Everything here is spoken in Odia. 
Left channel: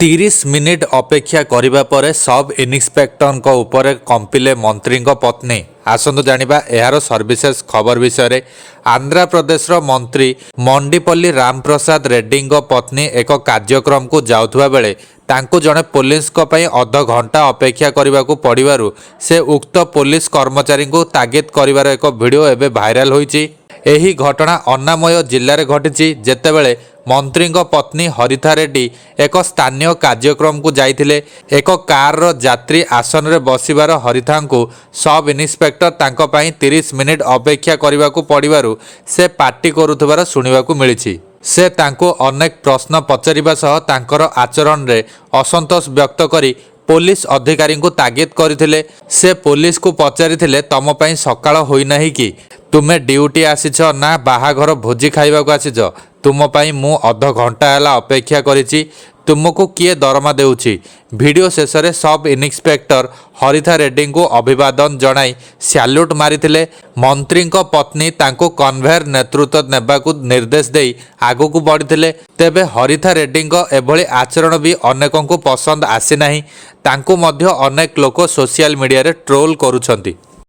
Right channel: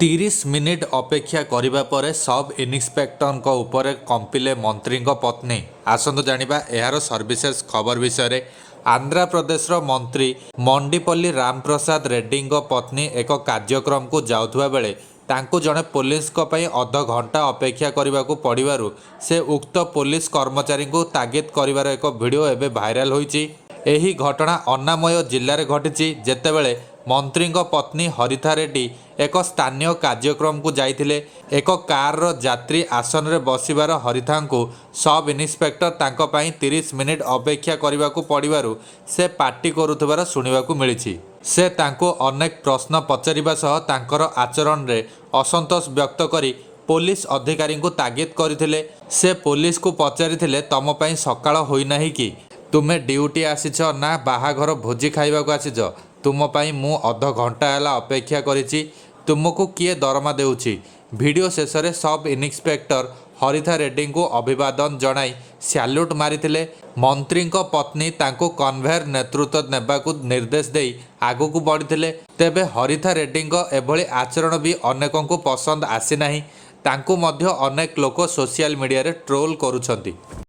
30 ମିନିଟ୍ ଅପେକ୍ଷା କରିବା ପରେ ସବ୍ ଇନ୍ସପେକ୍ଟରଙ୍କ ଉପରେ କମ୍ପିଲେ ମନ୍ତ୍ରୀଙ୍କ ପତ୍ନୀ। ଆସନ୍ତୁ ଜାଣିବା ଏହାର ସର୍ଭିସେସ ଖବର ବିଷୟରେ। ଆନ୍ଧ୍ରପ୍ରଦେଶର ମନ୍ତ୍ରୀ ମଣ୍ଡିପଲ୍ଲୀ ରାମପ୍ରସାଦ ରେଡ୍ଡୀଙ୍କ ପତ୍ନୀ ଏକ କାର୍ଯ୍ୟକ୍ରମକୁ ଯାଉଥିବା ବେଳେ ତାଙ୍କୁ ଜଣେ ପୋଲିସଙ୍କ ପାଇଁ ଅଧଘଣ୍ଟା ଅପେକ୍ଷା କରିବାକୁ ପଡ଼ିବାରୁ ସେ ଉକ୍ତ ପୋଲିସ କର୍ମଚାରୀଙ୍କୁ ତାଗିଦ କରିବାର ଏକ ଭିଡ଼ିଓ ଏବେ ଭାଇରାଲ ହୋଇଛି। ଏହି ଘଟଣା ଅନ୍ନାମୟ ଜିଲ୍ଲାରେ ଘଟିଛି, ଯେତେବେଳେ ମନ୍ତ୍ରୀଙ୍କ ପତ୍ନୀ ହରିଥା ରେଡ୍ଡୀ ଏକ ସ୍ଥାନୀୟ କାର୍ଯ୍ୟକ୍ରମକୁ ଯାଇଥିଲେ। ଏକ କାରର ଯାତ୍ରୀ ଆସନରେ ବସିବାର ହରିଥାଙ୍କୁ ସବ୍ ଇନ୍ସପେକ୍ଟର ତାଙ୍କ ପାଇଁ 30 ମିନିଟ୍ ଅପେକ୍ଷା କରିବାକୁ ପଡ଼ିବାରୁ ସେ ପାଟି କରୁଥିବାର ଶୁଣିବାକୁ ମିଳିଛି। ସେ ତାଙ୍କୁ ଅନେକ ପ୍ରଶ୍ନ ପଚାରିବା ସହ ତାଙ୍କର ଆଚରଣରେ ଅସନ୍ତୋଷ ବ୍ୟକ୍ତ କରି ପୋଲିସ ଅଧିକାରୀଙ୍କୁ ତାଗିଦ କରିଥିଲେ। ସେ ପୋଲିସକୁ ପଚାରିଥିଲେ, ତମ ପାଇଁ ସକାଳ ହୋଇନାହିଁ କି? ତୁମେ ଡ୍ୟୁଟି ଆସିଛ ନା ବାହାଘର ଭୋଜି ଖାଇବାକୁ ଆସିଛ? ତୁମ ପାଇଁ ମୁଁ ଅଧଘଣ୍ଟା ହେଲା ଅପେକ୍ଷା କରିଛି। ତୁମକୁ କିଏ ଦରମା ଦେଉଛି? ଭିଡ଼ିଓ ଶେଷରେ ସବ୍ ଇନ୍ସପେକ୍ଟର ହରିଥା ରେଡ୍ଡୀଙ୍କୁ ଅଭିବାଦନ ଜଣାଇ ସ୍ୟାଲ୍ୟୁଟ୍ ମାରିଥିଲେ। ମନ୍ତ୍ରୀଙ୍କ ପତ୍ନୀ ତାଙ୍କୁ କନଭେୟର ନେତୃତ୍ୱ ନେବାକୁ ନିର୍ଦ୍ଦେଶ ଦେଇ ଆଗକୁ ବଢ଼ିଥିଲେ। ତେବେ ହରିଥା ରେଡ୍ଡୀଙ୍କ ଏଭଳି ଆଚରଣ ବି ଅନେକଙ୍କୁ ପସନ୍ଦ ଆସିନାହିଁ। ତାଙ୍କୁ ମଧ୍ୟ ଅନେକ ଲୋକ ସୋସିଆଲ ମିଡ଼ିଆରେ ଟ୍ରୋଲ୍ କରୁଛନ୍ତି।